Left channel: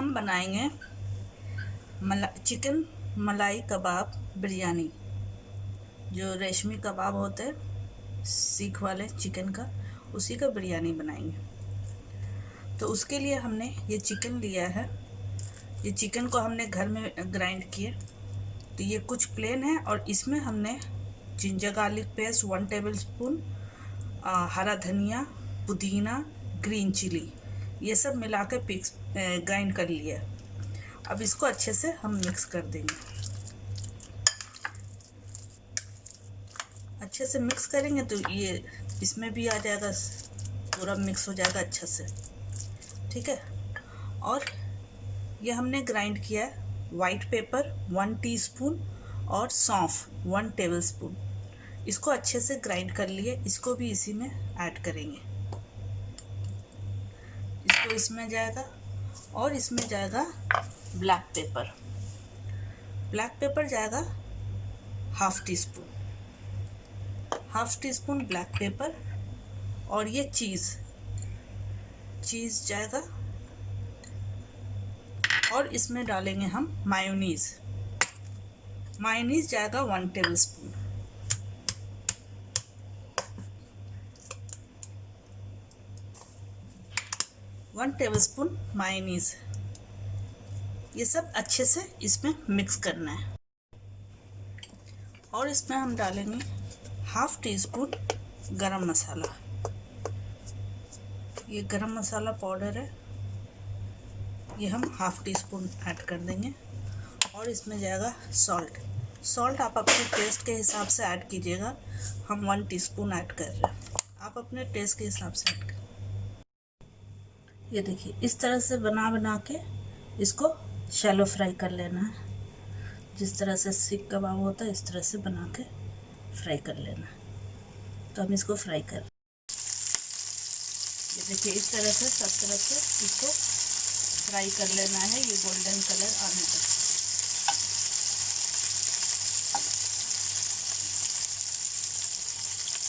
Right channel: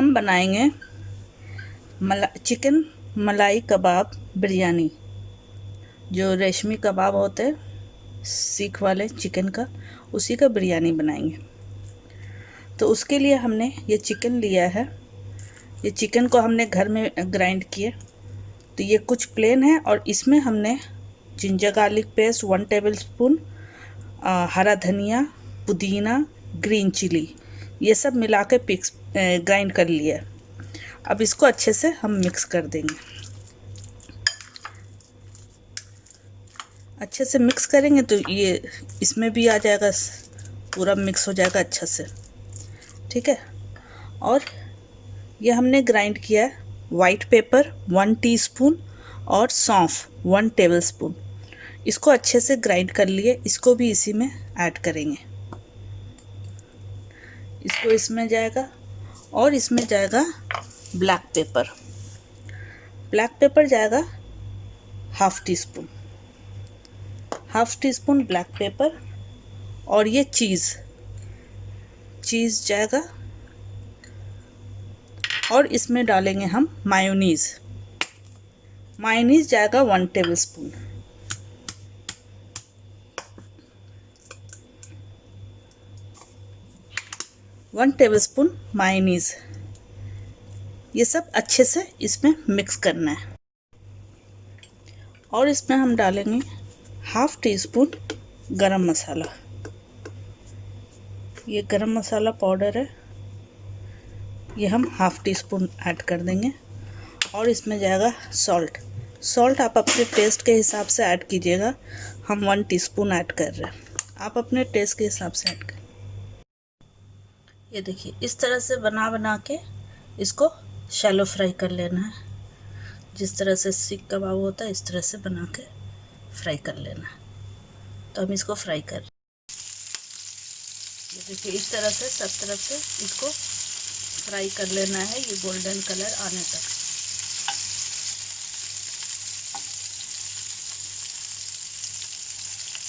हम बनाएंगे चिकन मलाई कबाब बिरयानी। जो रेशमी कबाब होते हैं सीख वाले चिकन का, उसी का बिरयानी बनाएंगे। तो उसके लिए हमने ये चिकन लिया है। ये चिकन को हमने घर में ग्राइंड किए। तो ये कुछ प्लेन है और इसमें हमने जिंजर गार्लिक पेस्ट 1 टेबलस्पून, हरा धनिया, पुदीना, ग्रीन चिली, ये सब मिला के ग्राइंड कर लिया। अब इसको अच्छे से हम मिक्स कर देंगे। अच्छे से मिक्स करेंगे तो ये इसमें भी आ जाएगा, पूरा मिक्स हो जाएगा अच्छा से। ठीक है। और ये हमने ग्राइंड किया है वाइट पेपर 1 टीस्पून और सौंफ 1 टेबलस्पून। इसको अच्छे से ग्राइंड कर लिए। इसको भी इसी में ऐड करेंगे। इसको इसमें जाएगा और इसमें जाएगा ब्लैक पेपर। ब्लैक पेपर जाएगा half tea spoon black pepper. और ये चीज़ जाएगा। और इसमें डालेंगे हम मायोनीज़ जाएगा 1 टेबलस्पून। मायोनीज़। ये सब अच्छे से इसमें मिक्स करना है। और इसमें हम डालेंगे हाफ टी स्पून गरम मसाला। ये गरम मसाला पाउडर है, ये हम हाफ टी स्पून ऐड कर देंगे। और इसमें जाएगा सॉल्ट आप अपने टेस्ट के हिसाब से ऐड कीजिएगा। हम 1 टीस्पून ऐड कर रहे हैं, आप अपने टेस्ट के हिसाब से ऐड करें। ये देखिए इस तरह से बना के इसको शैलो फ्राई कर लेना है। जिस तरह से सीख कबाब होता है इस तरह से बना के फ्राई कर लेना है। तो हम इसको फ्राई कर, ये देखिए इस तरह से सब तरफ से इसको फ्राई कर लेना है, ये गोल्डन कलर आने तक।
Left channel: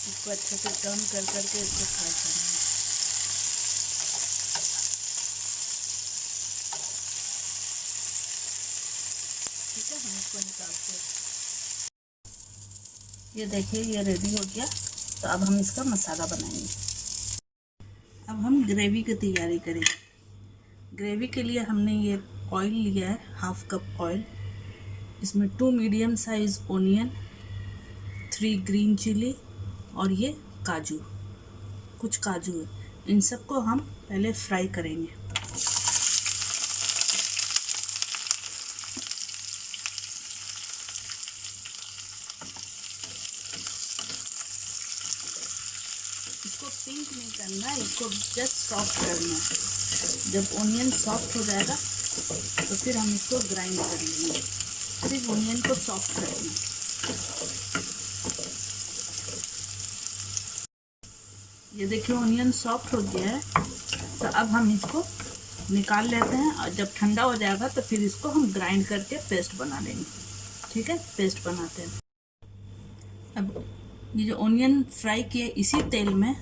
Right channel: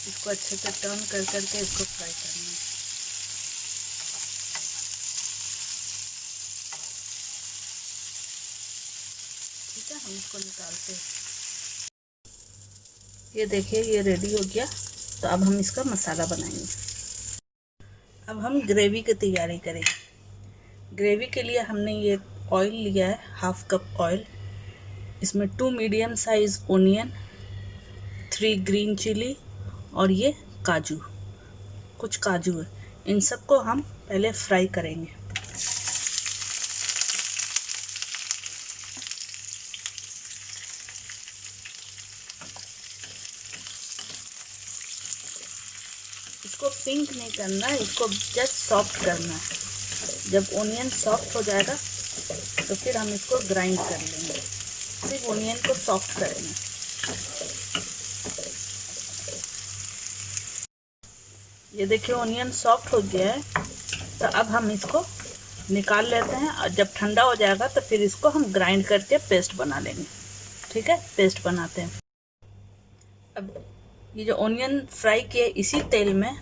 इसको अच्छे से टर्न कर करके इसको फ्राई करना है। ठीक है, हम इसको निकालते हैं। ये देखिए ये रेडी हो गया। तो अब हम इसका मसाला बनाएंगे। अब हम ग्रेवी की तैयारी करेंगे। ग्रेवी के लिए हमने ये ऑयल लिया है, हाफ कप ऑयल। इसमें 2 medium size onion, 3 green chilli और ये कुछ काजू है। इन सबको हम पहले फ्राई करेंगे। इसको पिंक नहीं करना, इसको जस्ट सॉफ्ट करना है। जब ओनियन सॉफ्ट हो जाएगा तो फिर हम इसको ग्राइंड कर लेंगे। सिर्फ ओनियन को सॉफ्ट करेंगे। ये देखिए ओनियन सॉफ्ट हो गया है। तो अब हम इसको निकाल लेते हैं और जब ठंडा हो जाएगा तो फिर इसको हम ग्राइंड करके पेस्ट बना लेंगे। ठीक है, पेस्ट बनाते हैं। अब ये जो ओनियन फ्राई किए इसी तेल में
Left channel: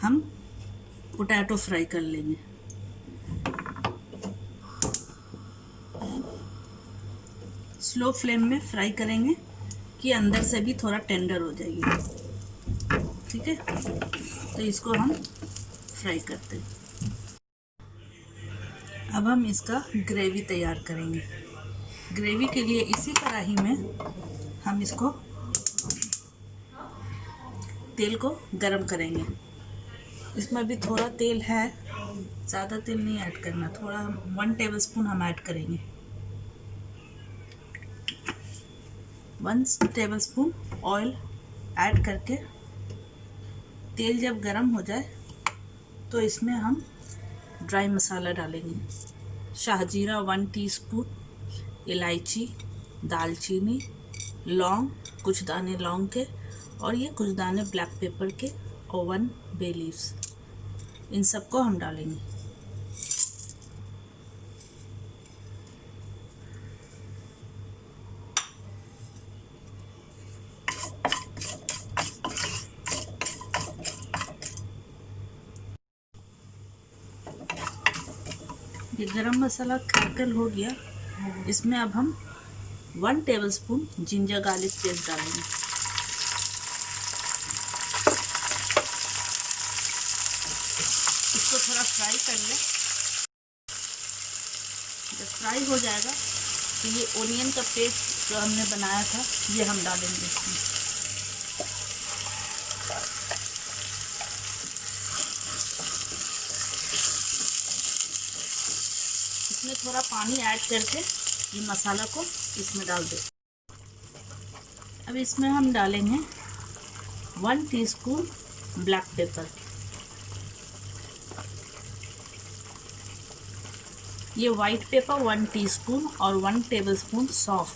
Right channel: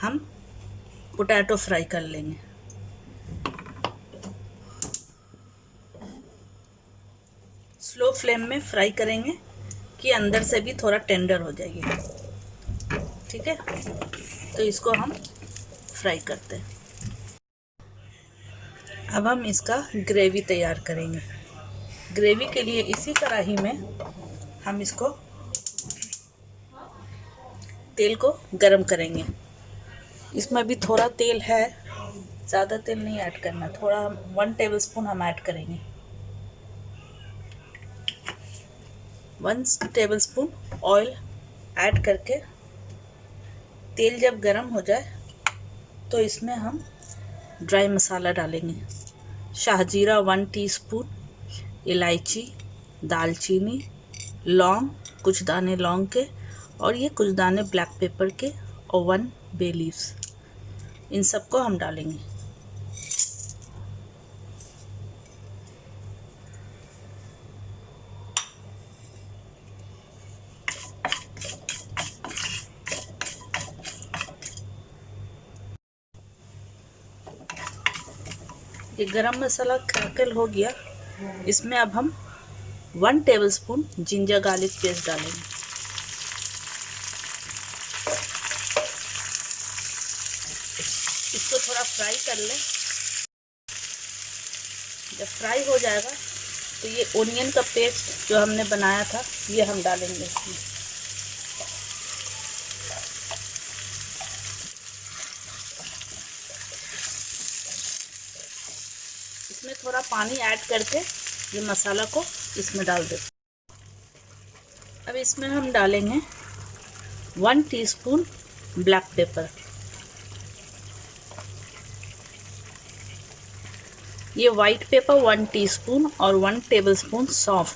हम पोटैटो फ्राई कर लेंगे। स्लो फ्लेम में फ्राई करेंगे कि अंदर से भी थोड़ा टेंडर हो जाएगी। ठीक है, तो इसको हम फ्राई करते हैं। अब हम इसका ग्रेवी तैयार करेंगे। ग्रेवी के लिए इसी कढ़ाई में हम इसको तेल को गरम करेंगे। इसमें भी थोड़ा तेल है, ज़्यादा तेल नहीं ऐड करना, थोड़ा 1 टेबलस्पून हम ऐड करेंगे। 1 टेबलस्पून ऑयल ऐड करके तेल जब गरम हो जाए तो इसमें हम ड्राई मसाला डालेंगे। शाहजीरा 1 टीस्पून, इलायची, दालचीनी, लौंग, कुछ दाने लौंग के और ये कुछ दाने ब्लैक पेपर के और 1 बे लीव्स, इन सबको हम डालेंगे। ये गरम मसाला क्रैकल हो गया। इसमें अब हम 1 टेबलस्पून जिंजर गार्लिक पेस्ट डालेंगे। इसको थोड़ा फ्राई कर लें। जब फ्राई हो जाएगा तो ये ओनियन का पेस्ट जो हमने बनाया था ये हम डालेंगे इसमें। इसमें थोड़ा पानी ऐड करके ये मसाला को इसमें डाल दें। अब इसमें हम डालेंगे 1 टीस्पून ब्लैक पेपर। ये वाइट पेपर 1 टीस्पून और 1 टेबलस्पून सौंफ,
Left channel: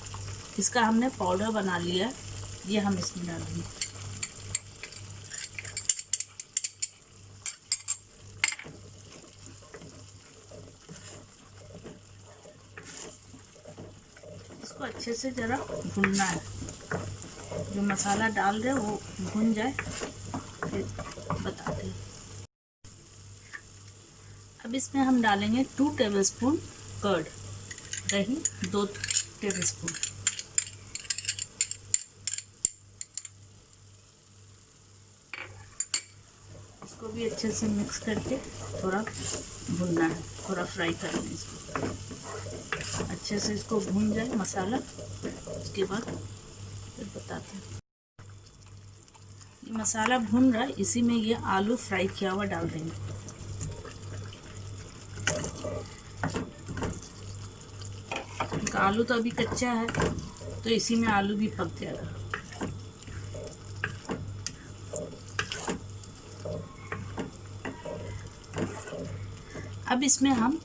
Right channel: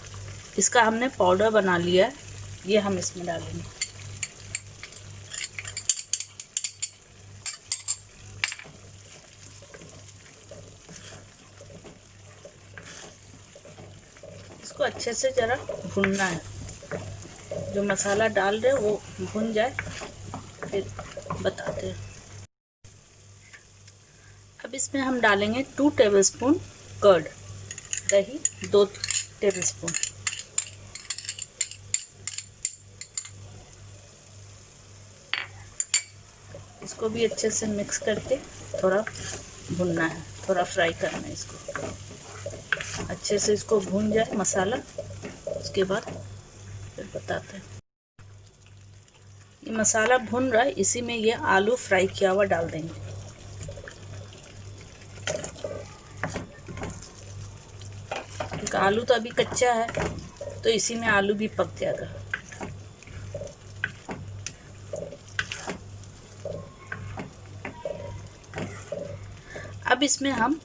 इसका हमने पाउडर बना लिया है, ये हम इसमें डालेंगे। इसको अच्छे से ज़रा भूनना है। जो मसाला डाल रहे हैं वो भून जाए फिर बताते हैं। अब इसमें हम डालेंगे 2 टेबलस्पून कर्ड, दही 2 टेबलस्पून। इसको भी अच्छे से मिक्स करके थोड़ा भूनना है, थोड़ा फ्राई करना है इसको। अच्छे से इसको भून जाए मसाला, उसके बाद फिर बताते हैं। ये मसाला भून रहा है, इसी में ये आलू फ्राई किया हुआ डाल देंगे। आलू तो अभी कच्चा है तो इसी में आलू भी पक जाएगा। अब इसमें हम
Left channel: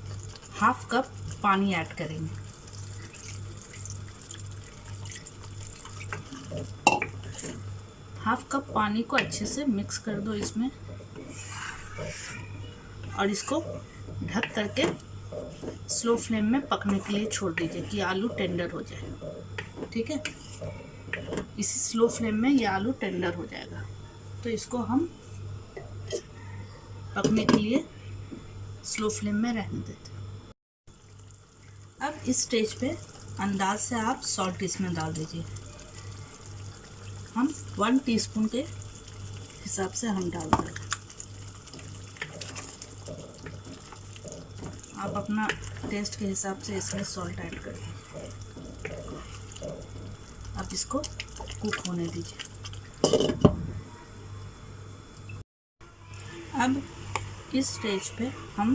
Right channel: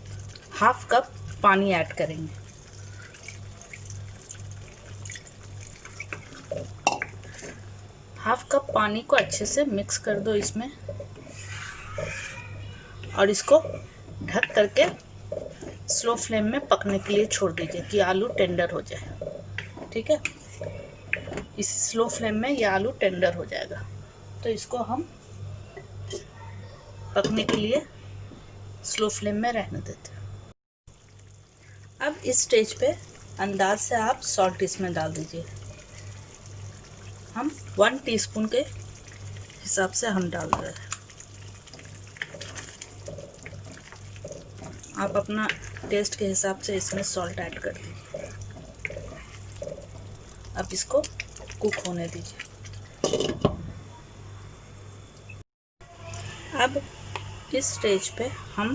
1/2 कप पानी ऐड करेंगे। हाफ कप पानी को अच्छे से मिक्स कर दो इसमें और इसको ढक करके स्लो फ्लेम में पकने के लिए छोड़ दीजिए कि आलू टेंडर हो जाए। ठीक है, इसी स्लो फ्लेम में ये आलू टेंडर हो जाएगा। तो इसको हम पकने के लिए स्लो फ्लेम में रहने देते हैं। अब इस स्टेज पे अंदाज से आप सॉल्ट इसमें डाल दीजिए। हम 1 टीस्पून के हिसाब से हम डाल रहे हैं। आप अपना टेस्ट के हिसाब से इसमें सॉल्ट ऐड कर दीजिए। अब इसको कुक होने दीजिए। अब इस स्टेज पे हम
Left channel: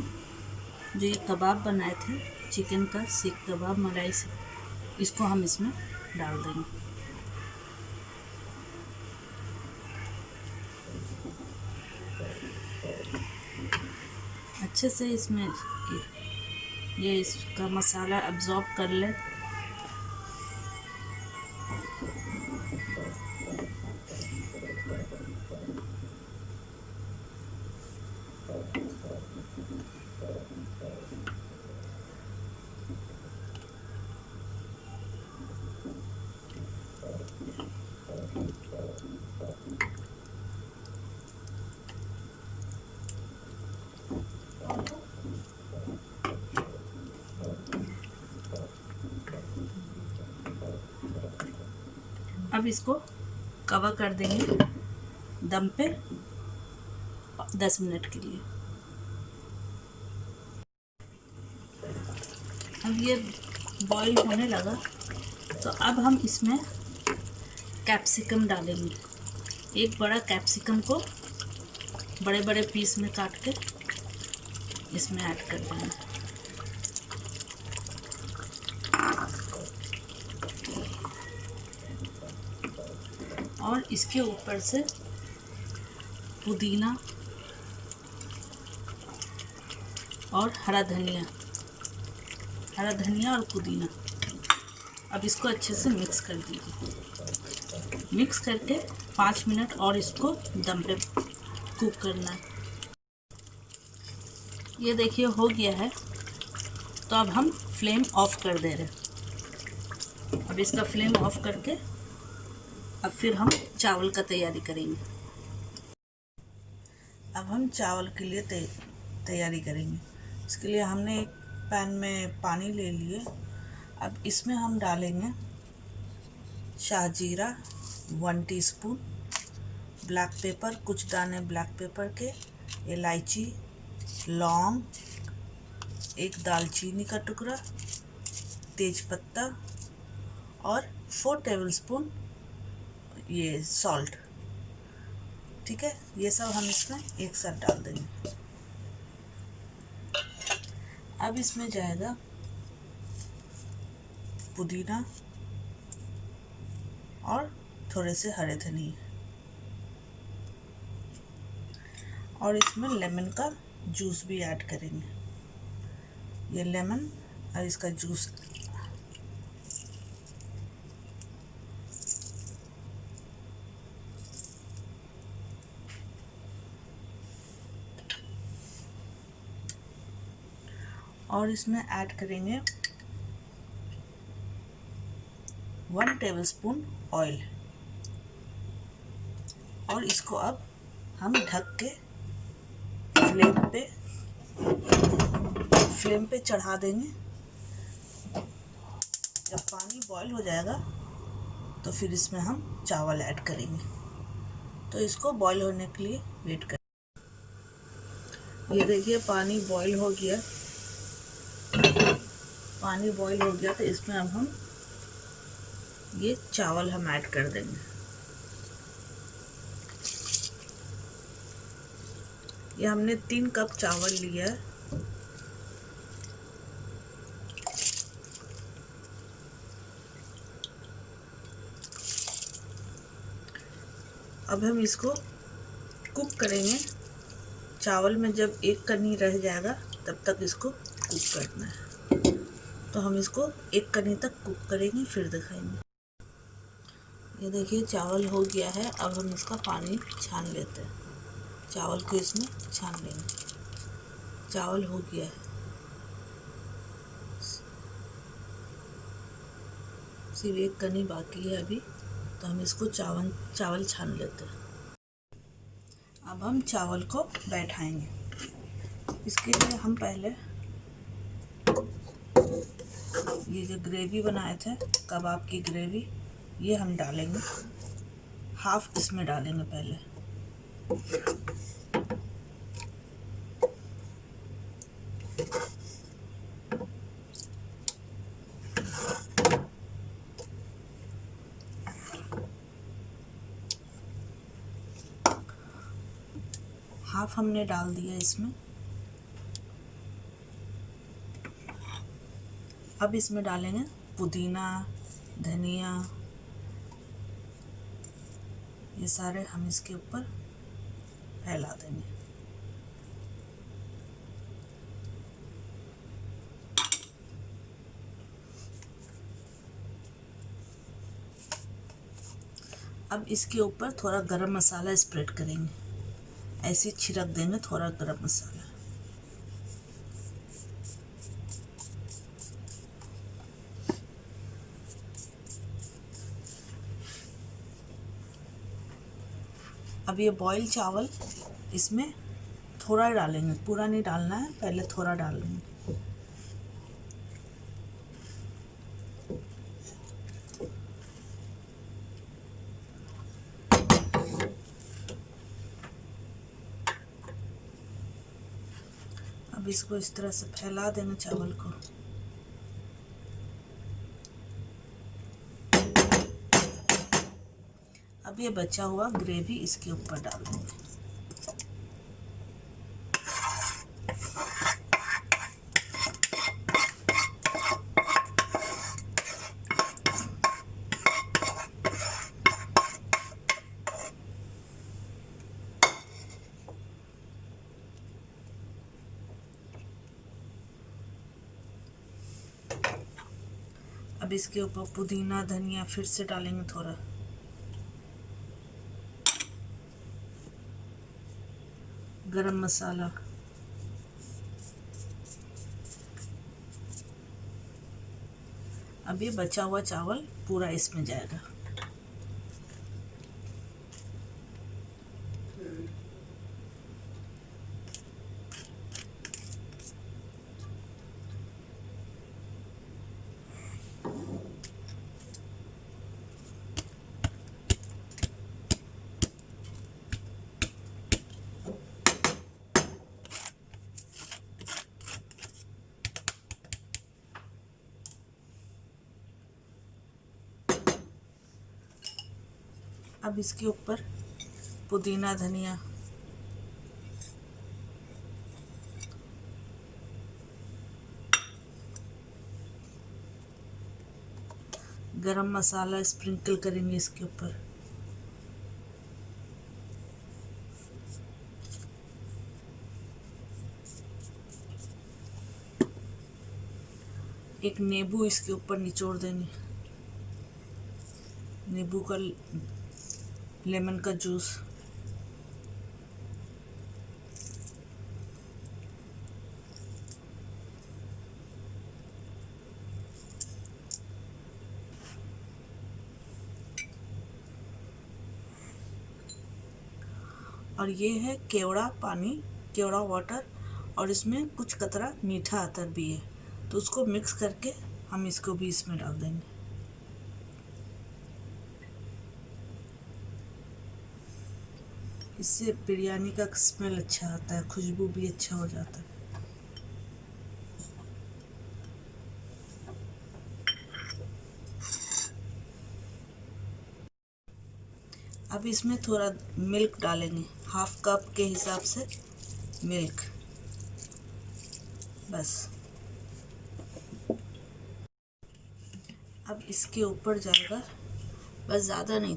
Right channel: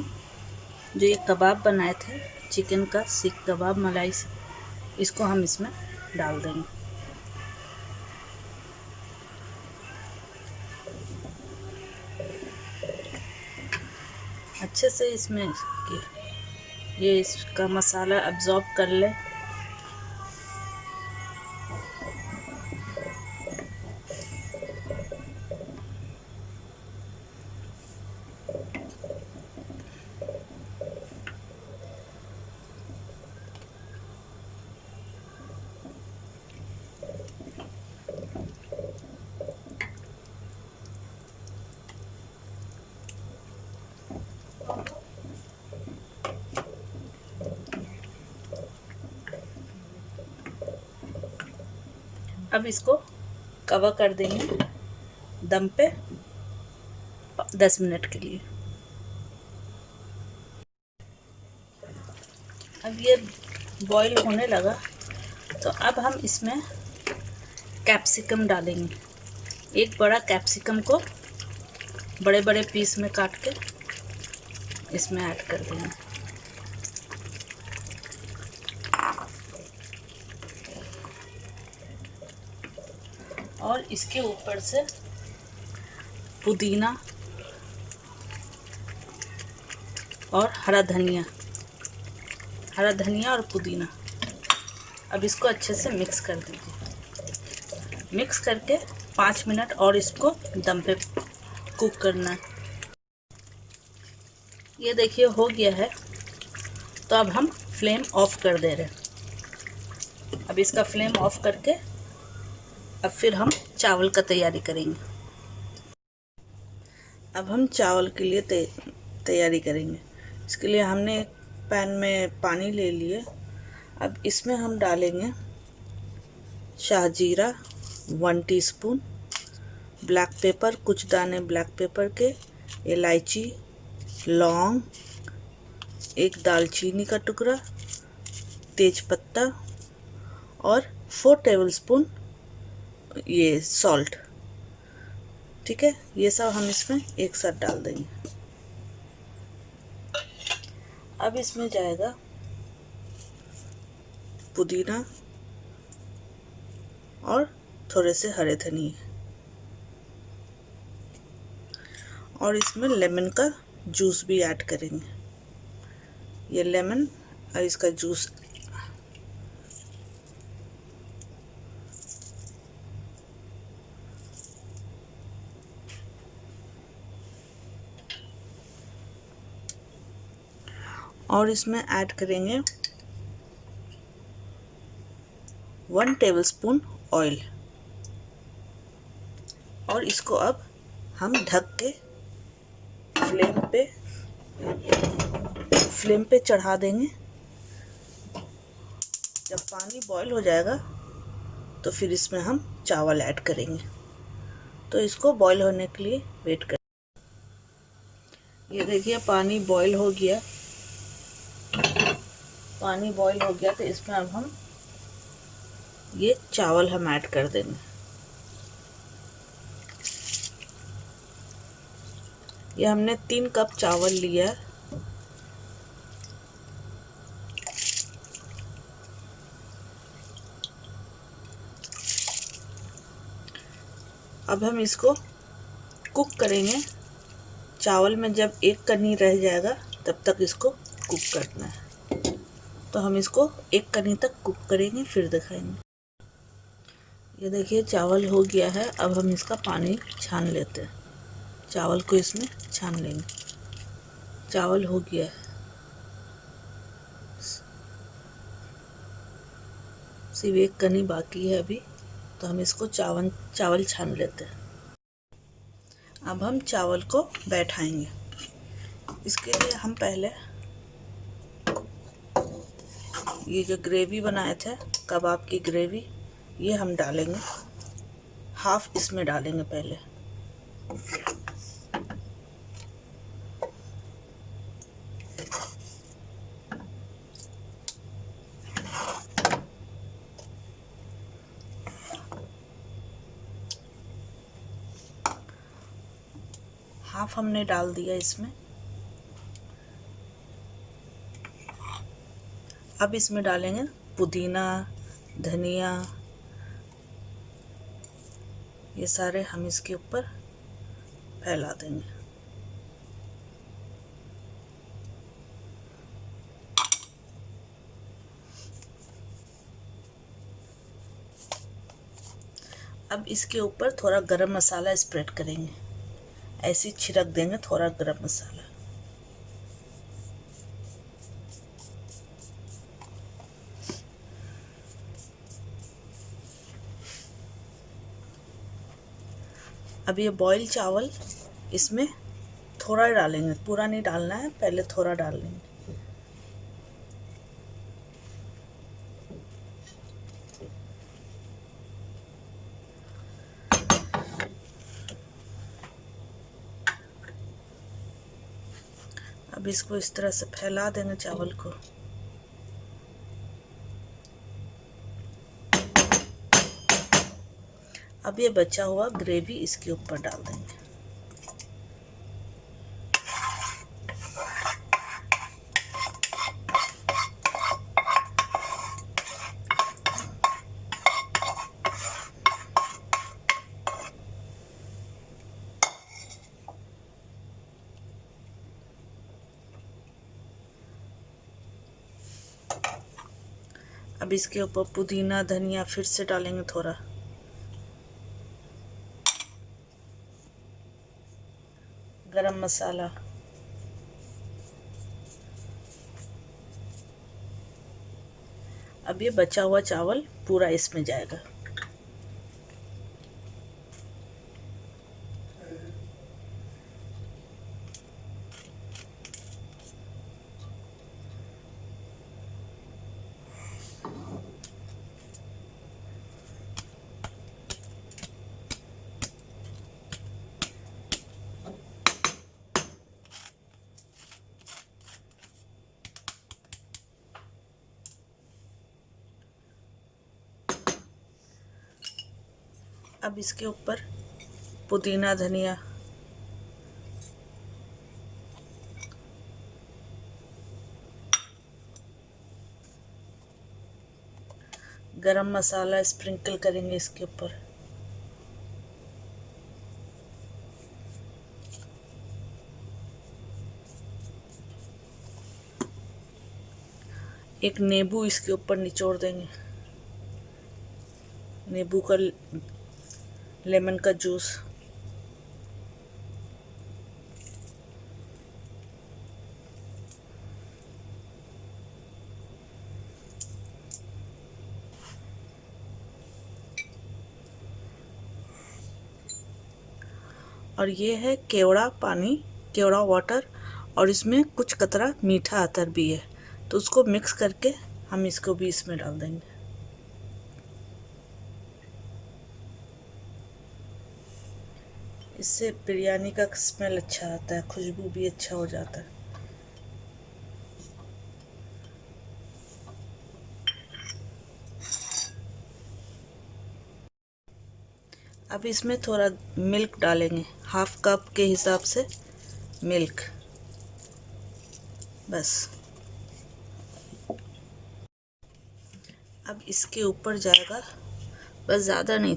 जो ये कबाब बनाए थे चिकन का सीख कबाब मलाई से, इसको हम इसमें डाल देंगे। अच्छे से इसमें ये इसका मसाला अब्जॉर्ब कर ले। अब इसको कवर कर देंगे दम पे 10 मिनट के लिए। अब ये बॉईल होने लगा तो अब हम इसमें कैप्सिकम डालेंगे। एक बड़ा कैप्सिकम को बड़े बड़े पीस में काट के इसमें ऐड कर देंगे। और इसके ऊपर से पुदीना और हरा धनिया और पुदीना। अब इसको अच्छे से मिक्स कर दीजिए। मिक्स करके 5 मिनट और इसको दम पे कुक करना है। ये देखिए हो गया है, तो अब हम फ्लेम ऑफ कर दे रहे हैं। अब इसका फ्लेम ऑफ करके अब फिर हम चावल का तैयारी करेंगे। अब हम चावल के लिए तैयारी करेंगे। इसके लिए हमने पैन में पानी ले लिए। अब इसमें हम डालेंगे शाहजीरा 1 टीस्पून, ब्लैक पेपर कुछ दाने ब्लैक पेपर के, इलायची, लौंग, एक दालचीनी का टुकड़ा, तेज़पत्ता और 4 टेबलस्पून ये सॉल्ट। ठीक है, ये सब हम इसमें एक साथ डाल देंगे। अब इसमें जाएगा पुदीना और थोड़े से हरे धनिया, और इसमें लेमन का जूस भी ऐड करेंगे। ये लेमन और इसका जूस और इसमें ऐड करेंगे 1 टेबलस्पून ऑयल, और इसको अब हम ढक के फ्लेम पे चढ़ा देंगे। जब पानी बॉईल हो जाएगा तो फिर इसमें हम चावल ऐड करेंगे। तो इसको बॉईल होने के लिए वेट करें। ये देखिए पानी बॉईल हो गया। पानी बॉईल हो गया तो इसमें अब हम ये चावल हम ऐड कर देंगे। ये हमने 3 कप चावल लिया। अब हम इसको कुक करेंगे। चावल में जब एक कनी रह जाएगा तब तक इसको कुक करना है। तो हम इसको एक कनी तक कुक करेंगे, फिर दिखाएंगे। ये देखिए चावल हो गया है। अब हम इसका पानी छान लेते हैं। चावल को इसमें छान लेंगे। चावल हो गया है, सिर्फ एक कनी बाकी है अभी। तो हम इसको चावल छान लेते हैं। अब हम चावल को बैठाएंगे। इसके लिए हम पहले ये जो ग्रेवी बनाए थे, कबाब की ग्रेवी, ये हम डालेंगे। हाफ इसमें डालेंगे पहले। हाफ हमने डाल दिया इसमें। अब इसमें डालेंगे पुदीना, धनिया, ये सारे हम इसके ऊपर फैला देंगे। अब इसके ऊपर थोड़ा गरम मसाला स्प्रेड करेंगे। ऐसे छिड़क देंगे थोड़ा गरम मसाला। अब ये बॉईल चावल इसमें थोड़ा डालेंगे, पूरा नहीं डालना है, पहले थोड़ा डाल लेंगे। अब इसको इस तरह से फैला देंगे चावल को। अब ये बचा हुआ ग्रेवी इसके ऊपर डाल देंगे। अब इसके ऊपर पुदीना, धनिया फिर से डालेंगे थोड़ा। गरम मसाला। अब ये बचा हुआ चावल पूरा इसमें जाएगा। अब इसके ऊपर पुदीना, धनिया, गरम मसाला स्प्रिंकल करेंगे इसके ऊपर। एक नींबू इसके ऊपर निचोड़ देंगे, नींबू का, लेमन का जूस। और ये है केवड़ा पानी, केवड़ा वाटर, और इसमें कुछ कतरा मीठा अतर भी है, तो उसको मिक्स करके हम इसको भी इसमें डाल देंगे। इससे बिरयानी का स्मेल अच्छा आता है, खुशबू भी अच्छा हो जाता है। अब इसमें थोड़ा मिल्क डालेंगे, हाफ कप के हिसाब से मिल्क, बस। अब इसके ऊपर जाएगा, बस ज़्यादा नहीं,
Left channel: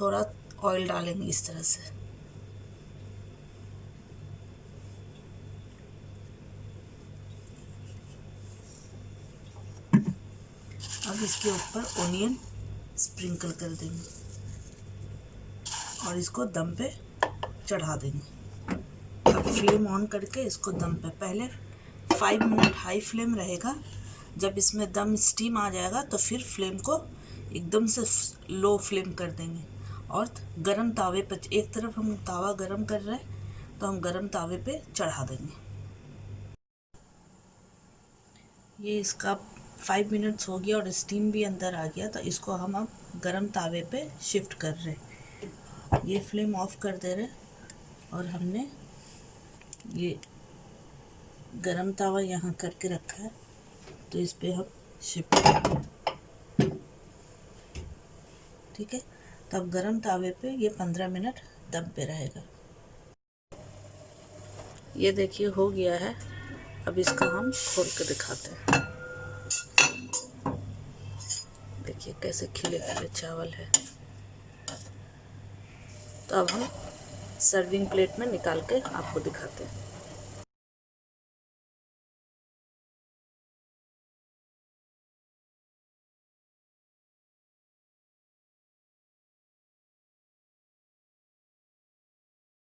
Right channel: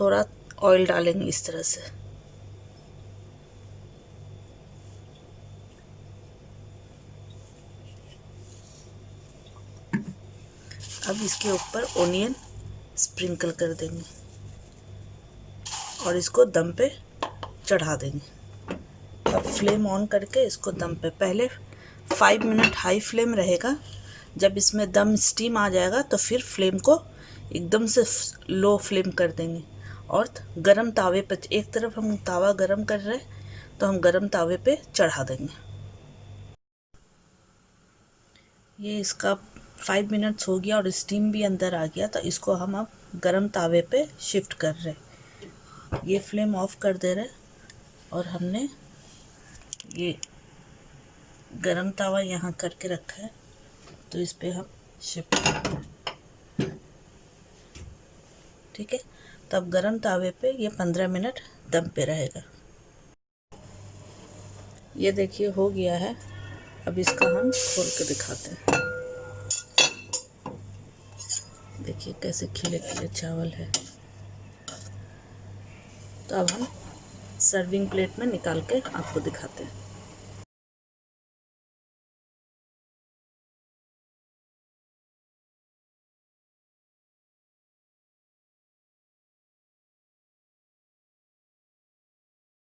थोड़ा ऑयल डालेंगे इस तरह से। अब इसके ऊपर ओनियन स्प्रिंकल कर देंगे और इसको दम पे चढ़ा देंगे। अब फ्लेम ऑन करके इसको दम पे, पहले 5 मिनट हाई फ्लेम रहेगा। जब इसमें दम स्टीम आ जाएगा तो फिर फ्लेम को एकदम से लो फ्लेम कर देंगे और गरम तावे पे, एक तरफ हम तावा गरम कर रहे हैं तो हम गरम तावे पे चढ़ा देंगे। ये इसका 5 मिनट्स हो गया और स्टीम भी अंदर आ गया, तो इसको हम अब गरम तावे पे शिफ्ट कर रहे हैं। ये फ्लेम ऑफ कर दे रहे और हमने ये गरम तावा यहाँ करके रखा है, तो इस पे हम शिफ्ट कर, ठीक है। तब गरम तावे पे ये 15 मिनट दम पे रहेगा। ये देखिए हो गया है। अब इसका हम खोल के दिखाते हैं। देखिए कैसे खिले खिले चावल है। तो अब हम सर्विंग प्लेट में निकाल के आपको दिखाते हैं।